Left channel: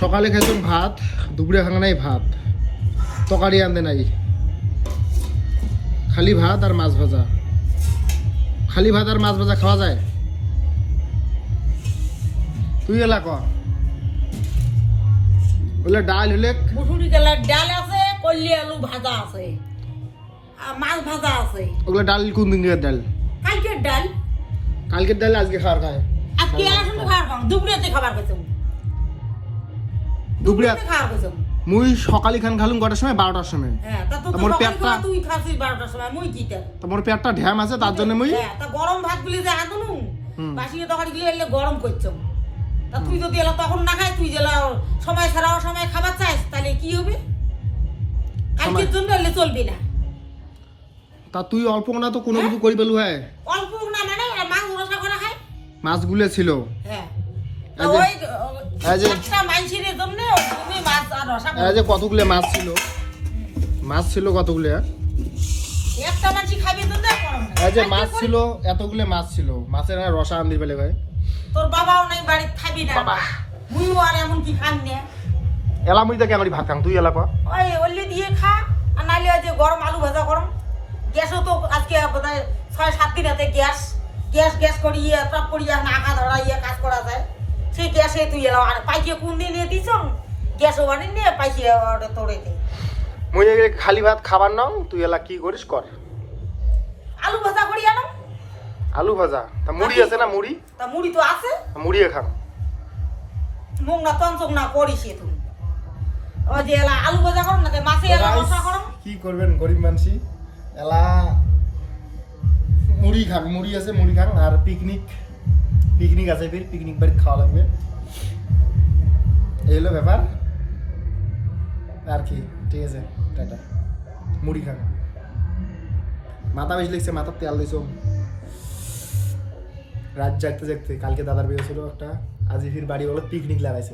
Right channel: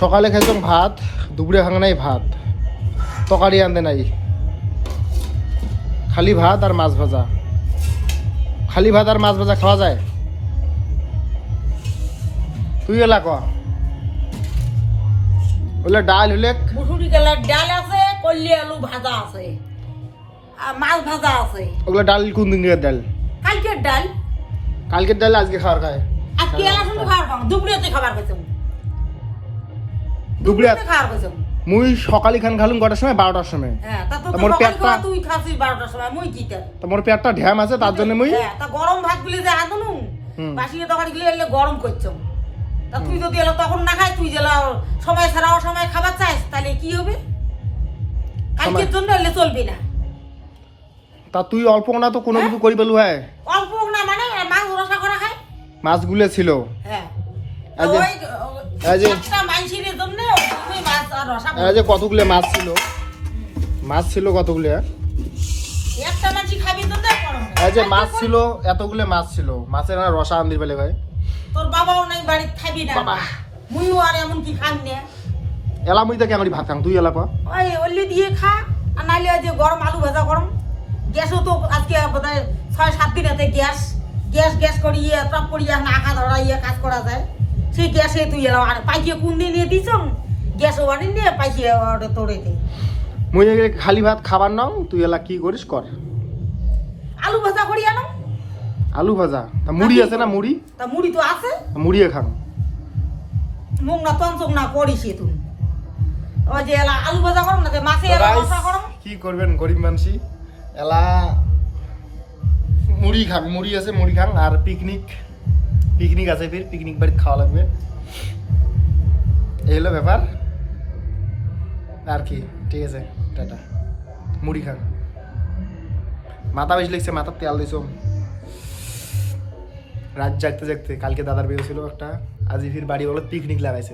সকালে খাইতাম ভাত, দুপুরে খাঙা নাই ভাত, তরকারি আনতে নাই, খালি ভাত আর মাছ ভাজা। খালি ভাত আর মাছ ভাজা খাওয়া যায়? তুই এলা ক বলে ডাল হলে মুসুরি ডালের ডাল আছে, কল্লি আলু ভাজা আছে, আর মাছ ভাজা আছে। ওগুলো ডাল কোন দিনের ডাল? কালকের ডাল। কালকের ডাল আজকে খাওয়ার খায়? আজকে এলা শুনে খাবার খাও, দুপুরেতে খাবার খেতাম। দুপুরে খাবার খেতাম। মুই সকালে খান খালুম কটার সময়? 12টার সময়। হ্যাঁ, তা তো তোমার সকালে পেটটা খাওয়া তুই খাসি 12টার সময়, মুই কি কর? তোমার পেটটা ঢ্যাম আছে তার জন্য মুই হ্যাঁ, তা গরম ভাত গুলি যে আদনু বাসিয়ে তরকারি গুলি এলে গরম করছম। তা তুই যদি এলা তখন না খাই, তুই জেলা সময় ছাড়া সময় খাবার চাইস, তাহলে কি হবে? কালকের জন্য এলে চলবি না। তা তুই অল্প না তো কোনো কিছু করি পেলু? হ্যাঁ, অল্প না মানে মাছ রসা করা খায়। মাছগুলো ছিল। হ্যাঁ, এই যে- ওই এই যে- একটা মাইসির জন্য তুমি মাছ আর রসা এই যে কতগুলো মাছ ছিল, মাছ ছিল কতগুলো? একটা মাছি খাবি তো দেখ করো না। এই যে মাছ ছিল, এতগুলো মাছ ছিল, মাছের না রসা আন দিবে ভাই। তোর বাবাও নাই বাড়ি খাবি না, মুইও আর এমন কি খান না। এলা মুই তা কেমন ভাত খাম? তুই এলা পা ওই ওলি দিয়ে খা, আর নাইলে ওই যে গরম আলু ভাজা গরম। গ্যাসও তো আজকে বোধহয় 6-7 দিনেতে গ্যাস গ্যাস গ্যাস করি টপ করি নাকা ধরা কাজ করা যায়। সেই গ্যাসে তুই এলা আর পাইকে কোন দিন দিয়ে দিছ গ্যাসও আনি নিয়ে পাইকে তোরে দে। মুই এগুলো খালি ভাত খাবার নাও, তুই এলা কি করিস কর। আলু ভাজা করি আনো। আলু ভাজা? তা মুড়ি আছে না? মুড়ি তা মুড়ি তো আছে, মুড়িয়ে খাম। মুখ না তঞ্চক না করিস তুই। ওই যে এলা আলু ভাজা করম না, যে মাছে রসা করম। কি করবেন গরিব মানুষই, এলা মুড়ি খান, মুড়ি আছে মুড়ি খান। আর পিকনিক পিকনিক আছে, ফির পিকনিক বাড়িতে খাওয়া লাগবে। এই হলো ব্যাপার আর কি। ঠিক আছে, টাটা। মুড়ি খান। মাথা বেশি লিখছে, মাথার তেল দিছ। রাত জাগতে জাগতে কালকে দাদার বিয়ে ছিল একটা, আজ ফির বাড়ি বলো পিকনিক লাগাইছে।